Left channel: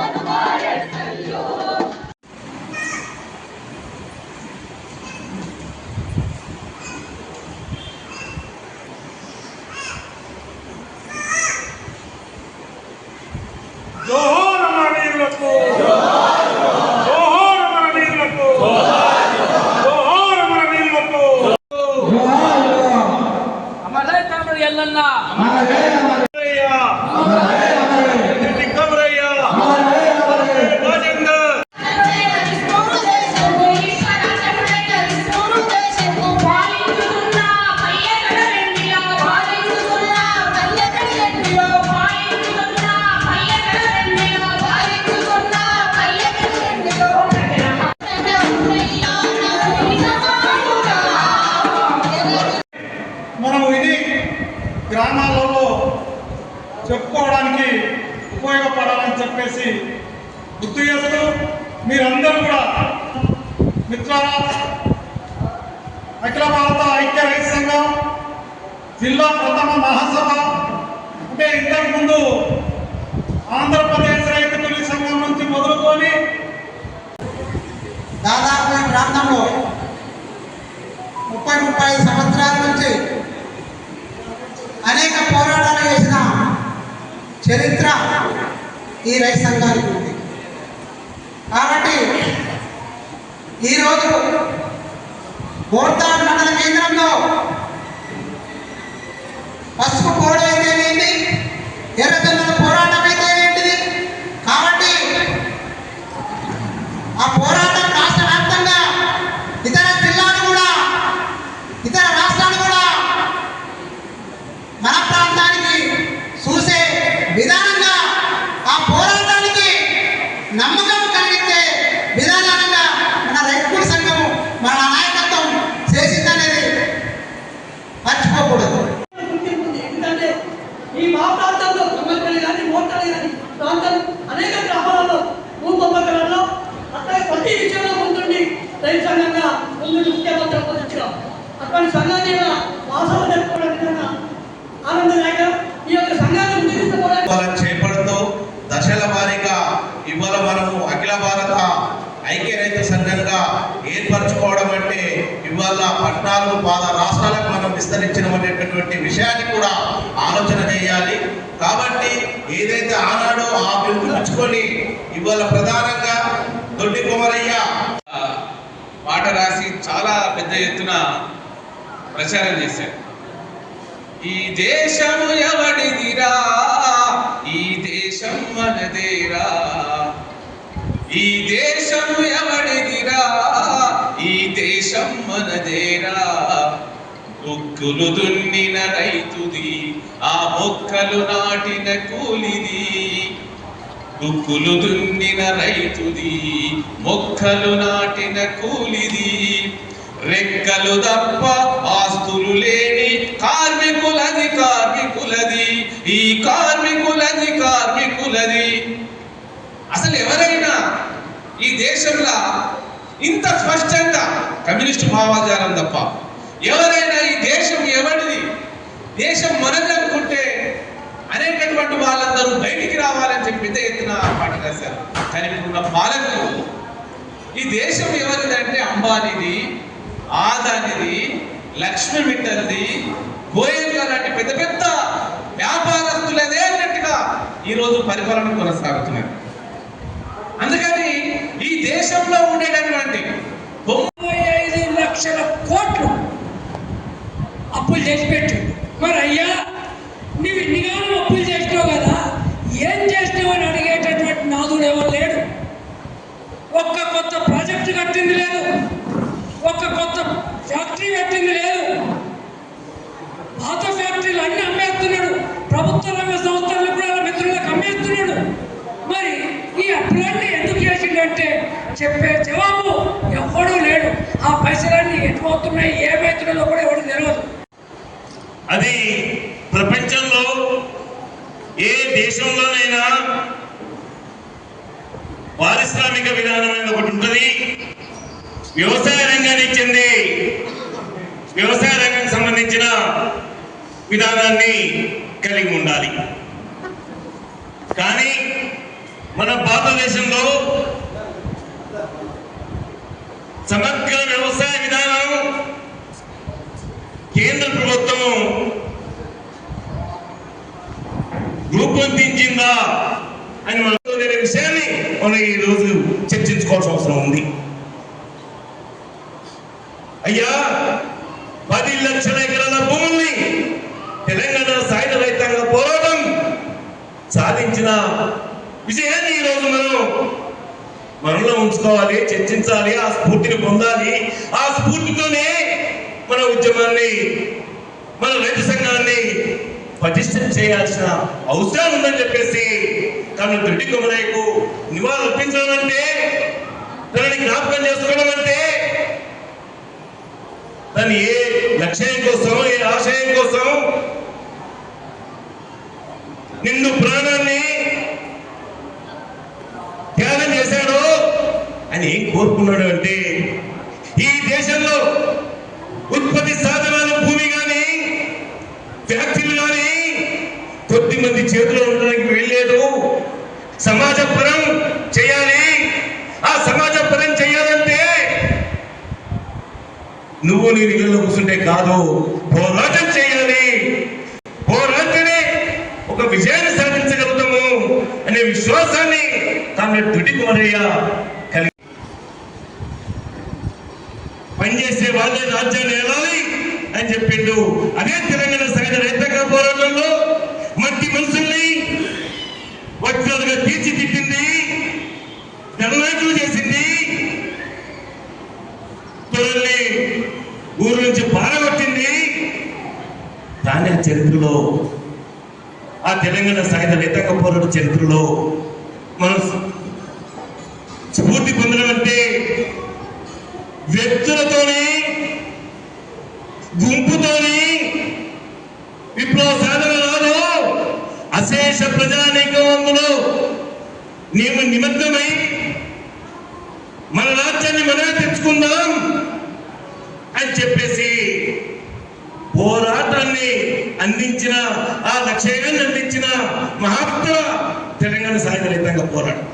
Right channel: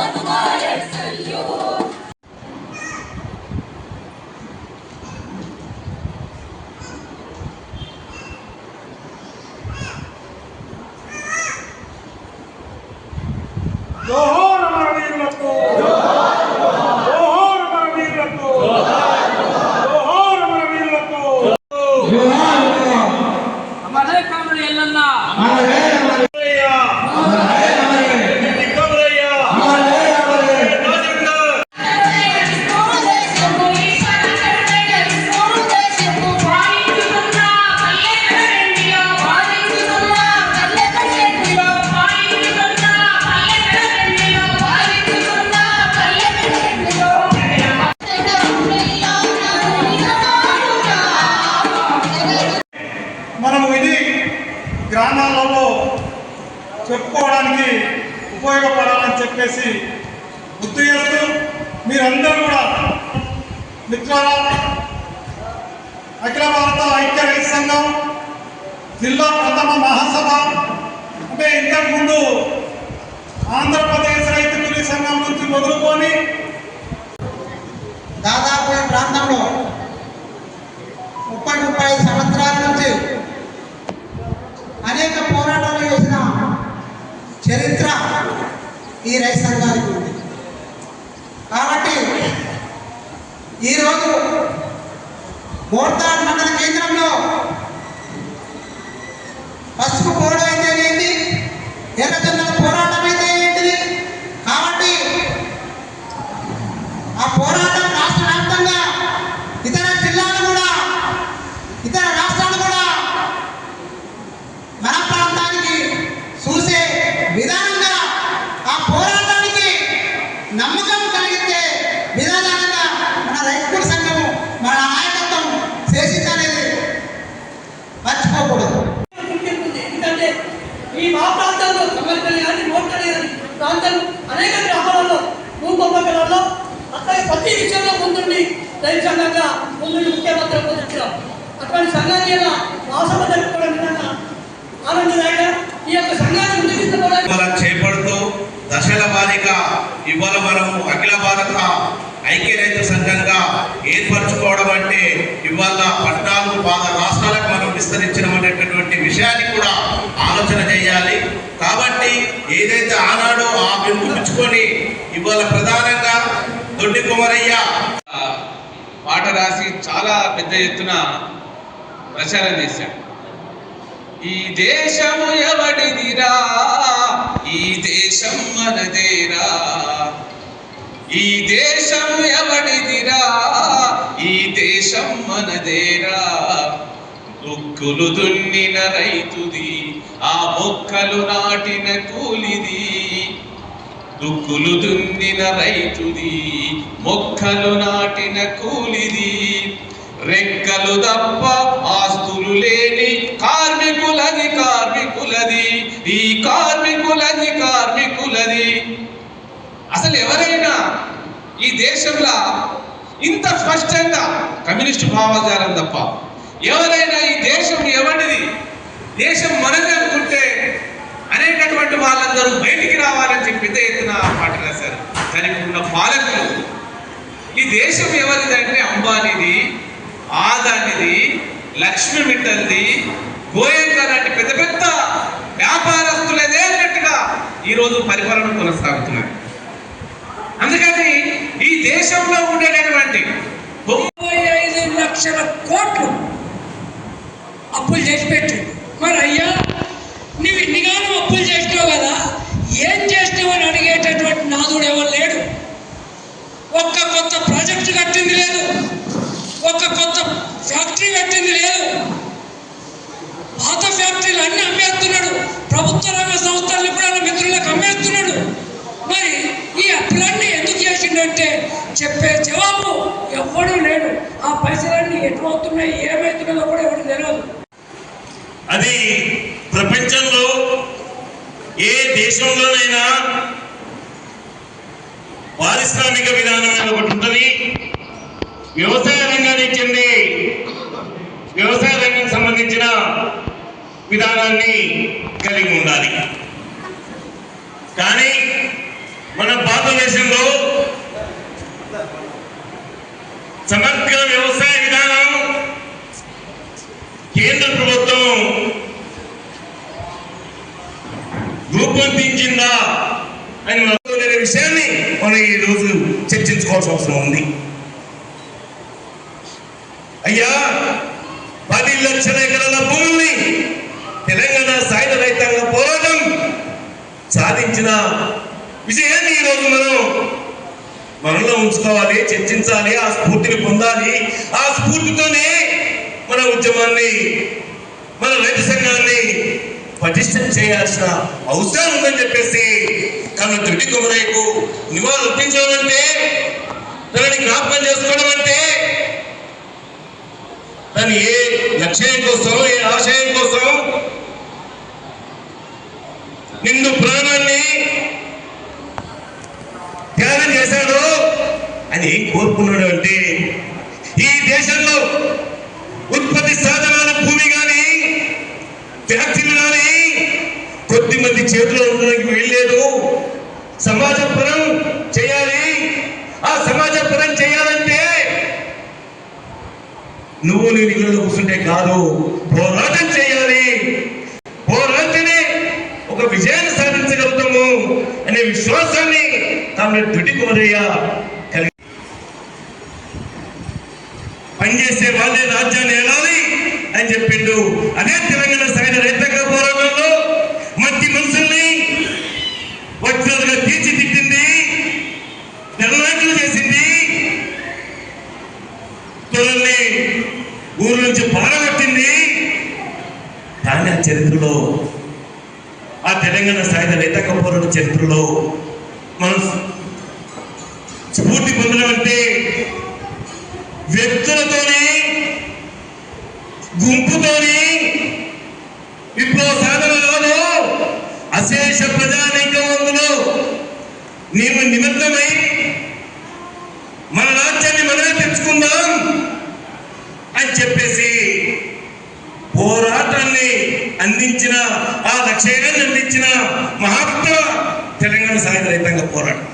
Quando nós. చెప్పేసి గుర్తు చేస్తూ మీరందరూ కూడా మిత్రాల అఖిల భారత ఐక్య రైతు సంఘం జిల్లా ప్రథమ మహాసభ అంటే ఇంతకుముందు ఆంధ్రప్రదేశ్ రైతు కూలీ సంఘం నుంచి మొదలుకొని దాదాపు ఈ ప్రాంతంలో ఈ రైతు సంఘానికి ఉంది. కాబట్టి ఈరోజు మోర్తాడ్ మండల కేంద్రంలో పసుపు పోవడం ముందు సంఘంగా మాత్రం ముఖ్యమంత్రి పొందుతున్నాం అటువంటి సంఘాన్ని ఇలా వాసవ జరుపుకోవడం విధంగా ఆనందదాయక. ఈ యొక్క సంఘాన్ని ముందుకు చేపడుతూ దశల వారీగా ఇవాళ మనము అఖిల భారత ఐక్య రైతు సంఘంగా ఏర్పరచుకోవడం అంటే ఇవాళ పద్నాలుగు పాద రాష్ట్రాలకు మనం విస్తరించడం అనేటటువంటి విషయాన్ని కూడా ఆలోచన చేయాలి కాబట్టి ఏదైతే ఆనాడో ఆ పిలుపుచ్చుకొని ఇవాళ ప్రధానంగా దొడ్డి కుమరయ్య పాట రాసి చాలా పెద్ద ఎత్తున ప్రచారం చేశాడు. ఈ దేశము ఎవడిదిరా ఈ దేశం మనదేరా ఈ దేశం ఎవడిదిరా ఈ దేశం మనదేరా దుక్కులు దున్నిన రైతుది ఆ మొక్కలు నాటిన కూలిది. దుక్కులు దున్నిన రైతుది మొక్కలు నాటిన కూలిది. రెక్కలు తప్ప ఆస్తులు లేని కార్మికులది కార్మికులది ఈ కార్మికులది కార్మికులది. అసలు ఎవరైనా ఈ దేశంలో ఇంత స్పష్టంగా కమ్యూనిస్టు భావజాలం తప్ప ఎవరైనా ఈ దేశం ఎవరిది దేశం మనది అనుకుంటే అనేటటువంటి వాళ్ళందరూ బయటికి రావాలని పెద్ద ఎత్తున పాట రాశారు. దానికి ఉన్న పాలకులు ఈ దేశం ఎవరిదంటే అంబానీది ఆదానిది లక్ష్మీ మిట్టల్ది గోయంక లాంటి పెద్ద పెద్ద వ్యాపారస్తులదే అన్నట్టుగా ఈరోజు పరిపాలన కొనసాగుతున్నారు. అందుకని ఈ దేశంలో ఉండేటటువంటి తొంభై ఐదు లక్షల కోట్లు అప్పులు చేసి పెట్టిండు. మరి అయ్యా నువ్వు ఇన్నిగానో అప్పులు చేసినావు కదా ఏం చేసినావని ఎవరు లేడు? ఒక్క కొత్త ప్రాజెక్టు కట్టింది లేదు. ఒక్క కొత్త ఫ్యాక్టరీ కట్టింది లేదు. పాత ఫ్యాక్టరీలు అన్ని అమ్మేస్తున్నాడు. ప్రభుత్వ రంగ సంస్థలను కూడా మిత్రులకు అమ్మేస్తున్నాడు. మరి ఈ అప్పులన్నీ ఎందుకు చేసిండంటే చెప్పే జవాబు ఎవ్వడూ లేడు. ఆ పైసలన్నీ ఎటువవుతున్నాయి ఏమవుతున్నదో కూడా ఎవరు తెలియదు అది ప్రపంచంలో ఏ దేశంలోనైనా పారిశ్రామిక విధానం అని ఒకటి ఉంటుంది. వ్యవసాయ రంగానికి చెంది వ్యవసాయ రంగానికి సంబంధించిన విధానాన్ని కలిగి ఉండాలి. కానీ మన భారతదేశంలో సమగ్ర వ్యవసాయ విధానం కేంద్ర ప్రభుత్వం రూపొందించిందా? అని మనం విషయాన్ని మనం ఈరోజు చర్చించుకోవాల్సిన అవసరం ఉంది. అయ్యా పది లక్షల ఎకరాల భూమిని తెలంగాణ సాయుధ రైతాంగ పోరాటం సాధించిన విజయాన్ని ఈరోజు మనం మనలో ఉంచుకోవాలి చర్చించాలి ఆ స్ఫూర్తిని పొందాలి. ఆ స్ఫూర్తితోనే మన ఉద్యమాన్ని మన రైతు సంఘాన్ని పటిష్టం చేయాల్సిన అవసరం ఉందని చెప్పేసి తన దృఢి కొమరైకు నివాళులు అర్పించడం అంటే తనని జ్ఞాపకం చేసుకోవడం అంటే తను ఏ లక్ష్యం కోసం ఏ ఆశయం కోసం నిన్ను ప్రాణాన్ని త్యాగం చేశాడు అని ఏం కోరుకున్నాడు అంటే ఈ దేశంలో ఉత్పత్తి సాధనాల భూమి కానీ ఫ్యాక్టరీలు కానీ కొద్ది మంది చేతిలో సమాజపరం చేయాలి. ఆ సమాజ పరం చేయాలంటే నువ్వు నీ నిధుల్లో కూర్చుంటే కాదు. పోరాటం చేయాలి. పోరాటమే ఒక విజయాన్ని సాధించగలుగుతాము అనే విశ్వాసాన్ని తన దుడి కోరయ్య కలిగి పనిచేసే వాళ్ళే రాజ్యాన్ని ఏలాలి అని చెప్పిండు. అదే తెలంగాణ తీర్చి తిట్టింది తెల్లవేట్లు చేసింది. తొరల్ని ఊరు నుంచి పారగొట్టింది. దాని చరిత్రలో ఆ తెలంగాణ సాయుధ రైతాంగ పోరాట చరిత్రలో మనం స్ఫూర్తి పొందడమంటే వ్యక్తులతోనే గుంపుతోనే విప్లవ సాధన రాదు అశేష ప్రజానీకం అందులో నీవు నిమగ్నమై మన రాజ్యాన్ని మనమే తెచ్చుకుందాం అని చెప్పేసి పోరాటాన్ని అందించిన ఆ లక్ష్యాన్ని అందించిన మహాత్మ తెలంగాణ సాయుధ రైతాంగ పోరాటం.